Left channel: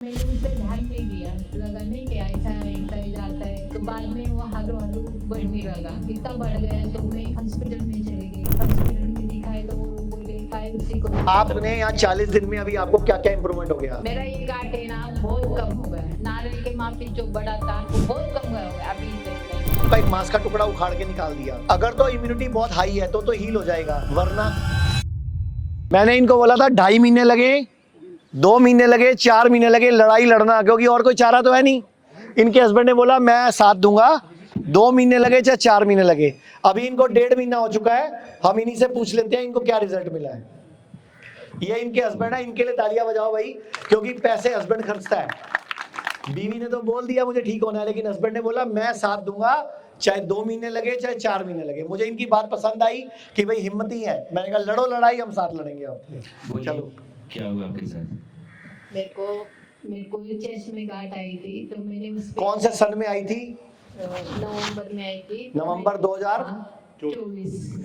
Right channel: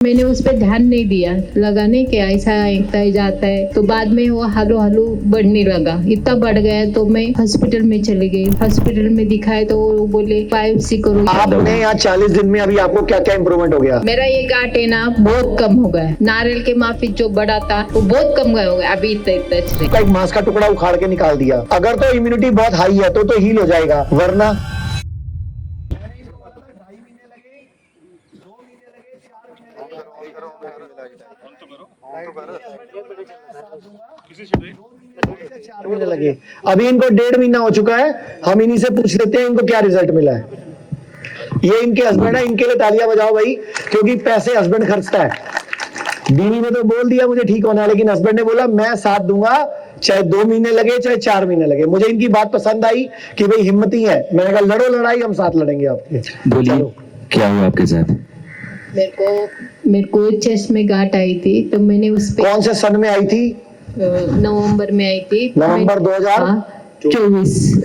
मैंने उस पर ध्यान नहीं दिया, लगा नहीं कि ऐसा एकता ही जाता है। तो बाद में वो हालो हालो बढ़ने लगा, इतना बढ़ गया तो मैं हॉस्पिटल में चली गई। हॉस्पिटल में दिखाए तो वो बोले बायोप्सी करो। आपने यहाँ 40 दिन में अभी आपको क्या क्या इम्प्रूवमेंट हो गया? मेरा ये गांठ है ना बहुत कम हो गया। नारियल के माफिक जो बड़ा था वो बहुत कम हो गया, अभी इतना एक मांस का टुकड़ा उखाड़ के निकाल दिया। अगर तो इम्यूनिटी बहुत हाई है तो हील हो जाएगा, वरना मैंने इनको बोला था 2.5 महीने लगे, 2 महीने लगे, 4 महीने लगे लड़ाई लड़ना, क्योंकि और कोई चारा तो है नहीं। इनके हस्बैंड ने बोला मैं साथ दूंगा, 2 महीने लगे चाहे 4 महीने लगे। अभी इनको 1.5 महीना हो चुका है। हम इन्हीं से पूछ लेते हैं इनको क्या रिजल्ट मिला है। ये इनके हस्बैंड है, इनके लिए तालियां बजाओ भाई, क्योंकि पैसे हस्बैंड खर्चता है। बीवी ने तो बोल दिया मुझे ठीक होना है, लेकिन हस्बैंड ने बोला मैं साथ दूंगा, चाहे 2 महीने लगे चाहे 4 महीने लगे। मुझे इनकी बात पसंद आई कि भाई हिम्मती है। मैंने कहा लड़ो लड़ाई, हम साथ लड़ेंगे आपके। बोलिए क्या हुआ आपके साथ? मेरे को चेस्ट में गांठ आई थी, तो मैंने उस पे कौन से सन में आई थी? नवंबर में आई थी। नवंबर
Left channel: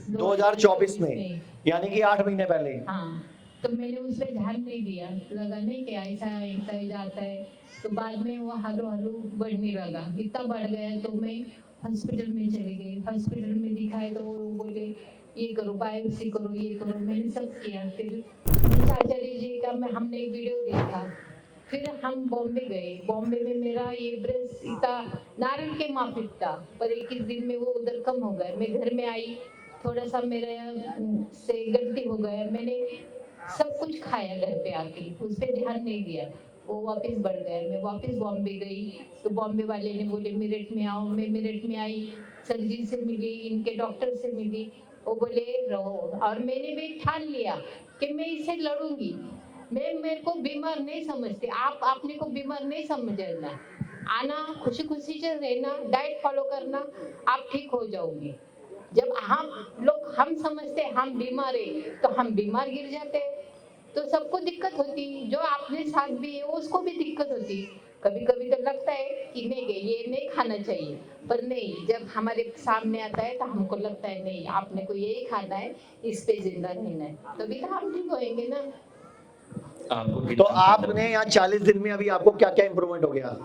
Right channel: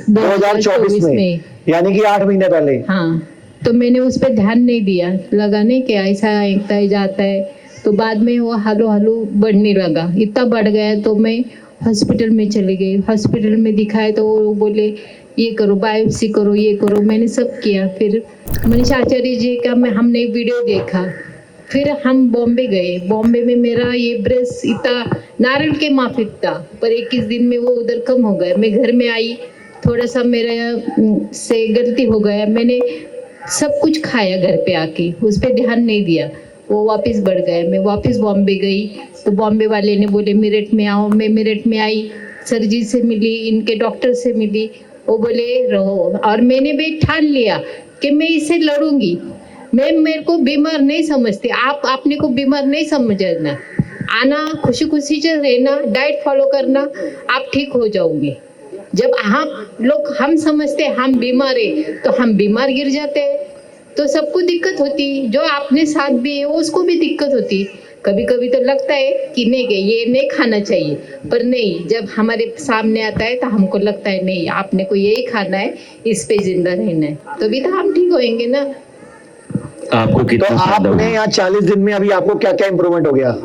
2024 में, यानी कि 8 महीने पहले। हाँ, तो मैंने उस पर ध्यान नहीं दिया, लगा नहीं कि ऐसा एकता ही जाता है। तो बाद में वो हालो हालो बढ़ने लगा, इतना बढ़ गया तो मैं हॉस्पिटल में चली गई। हॉस्पिटल में दिखाए तो वो बोले ये करो, बायोप्सी करो, ये करो। मैंने सब किया। फिर मनीष आचार्य जी का हमने वीडियो देखा। फिर हम बॉम्बे गए। बॉम्बे में मेरा ये ब्रेस्ट इतना नारियल के माफिक था, पर 21 दिन में वो उधर कम हो गया। मैं घर में आई, थोड़ा सा मेरा से गलती हो गया, मैंने सब कुछ खाया घर पे आके, उस पर ध्यान नहीं दिया, वो वापस बढ़ गया। मैं वापस बॉम्बे गई तो बॉम्बे वाले ने बोले मेरठ में आओ। मैं मेरठ में आई, सर जी से मिली, इनके डॉक्टर से मिली। वो बोले रहो, और मैंने भी ठान लिया कि मैं इससे लड़ूंगी। मैं मेरे को बीमार नहीं समझती, आप अपने को बीमार नहीं समझना, आना खुशी खुशी से रहना, डाइट फॉलो करना, आप ठीक हो जाओगे। जब हम समझते हम बीमार है तो हम बीमार गिर जाते हैं, तो सबको दिक्कत होती। जो आपने साथ भी है उसको भी दिक्कत होती। कभी कभी तो लगता है कि नहीं ये नहीं खाना चाहिए, पर नहीं, जब हमारे सामने आता है तो हमको लगता है नहीं आपने को यही खाना है, इस पे जिंदा रहना है, तभी तो हम ठीक होएंगे ना। आपको कितना तो आपने यहाँ 40 दिन में अभी आपको क्या क्या इम्प्रूवमेंट हो गया?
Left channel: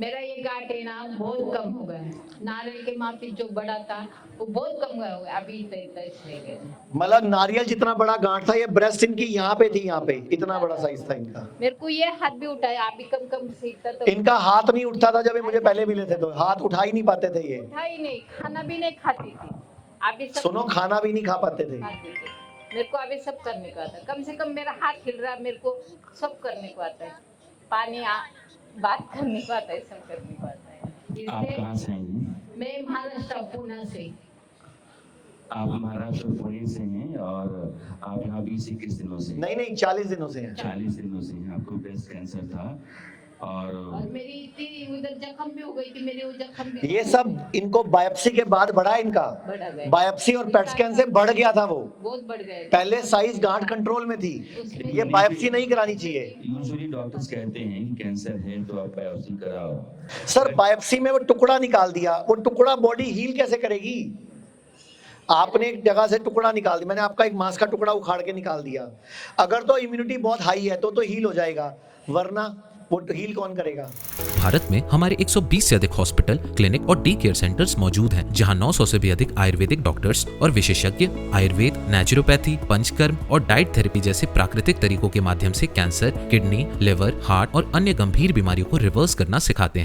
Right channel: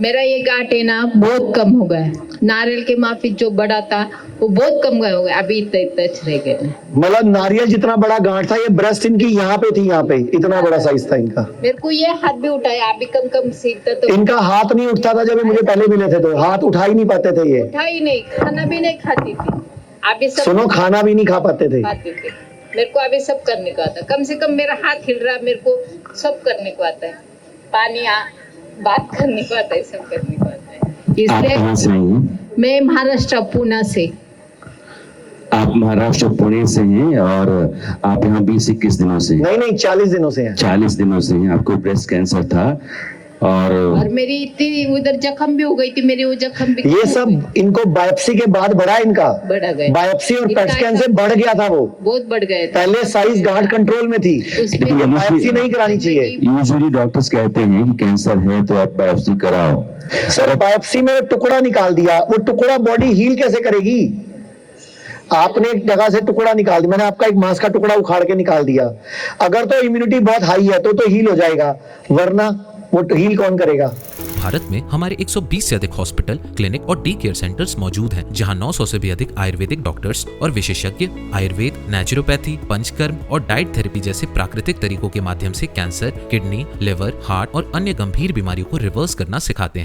मेरा ये गांठ है ना बहुत कम हो गया। नारियल के माफिक जो बड़ा था वो बहुत कम हो गया, अभी इतना रह गया। मतलब नारियल जितना बड़ा गांठ था, ये ब्रेस्ट इनकी यहाँ पे थी, यहाँ पे इतना बड़ा साइज था इनका। मेरे को ये हाथ भी उठाया, अभी कम सीखता तो इनका हाथ नहीं उठता था जब ये मुझे पहले मिले थे, तो हाथ उठा ही नहीं पाते थे ये। उठा ही नहीं, खाना भी नहीं खाती थी। अभी सब सुनो, खाना भी नहीं खा पाते थे। मेरे को अभी सब करने को आता है, कम से कम मेरा हाथ हिल रहा, मेरे को सब करने को आता है, बात करने को आता है, सब करने को आता है। आप कहाँ से आई हैं? मैं महाराष्ट्र पुणे से। आप महाराष्ट्र पुणे से हैं और आप यहाँ 20-21 दिनों से? नहीं 40 दिनों से हैं। 40 दिनों से हैं। आपको ब्रेस्ट कैंसर था और मेरी इतनी उधर जख्म भी हो गई थी, मेरी वो जख्म भी ये सब इनको बायोप्सी के बाद बढ़ा, इनका बढ़ा गया। बायोप्सी और पेट स्कैन से बढ़ गया था, वो बहुत बढ़ गया था। पहले साइज गांठ कंट्रोल में थी, बायोप्सी नहीं करानी चाहिए। यूजुअली डॉक्टर्स कहते हैं कि कैंसर है तो आप बायोप्सी कराओ। सर बायोप्सी में टुकड़ा निकाल दिया, वो टुकड़ा बॉडी हील कैसे करेगी? आपने एक जगह से टुकड़ा निकाल दिया, मैंने आपका एक मांस का टुकड़ा उखाड़ के निकाल दिया। अगर तो इम्यूनिटी बहुत हाई है तो हील हो जाएगा, वरना वो हील कौन करेगा? भारत में हमारे 120 से अधिक हॉस्पिटल, क्लिनिक और डी केयर सेंटर्स मौजूद हैं, जहां 900 से भी अधिक आयुर्वेदिक डॉक्टर्स और विशेषज्ञ आयुर्वेद, नेचुरोपैथी, पंचकर्म और डाइट थेरेपी जैसे प्राकृतिक तरीकों के माध्यम से कैंसर, किडनी, लिवर, हार्ट और अन्य गंभीर बीमारियों को रिवर्स करना सिखाते हैं।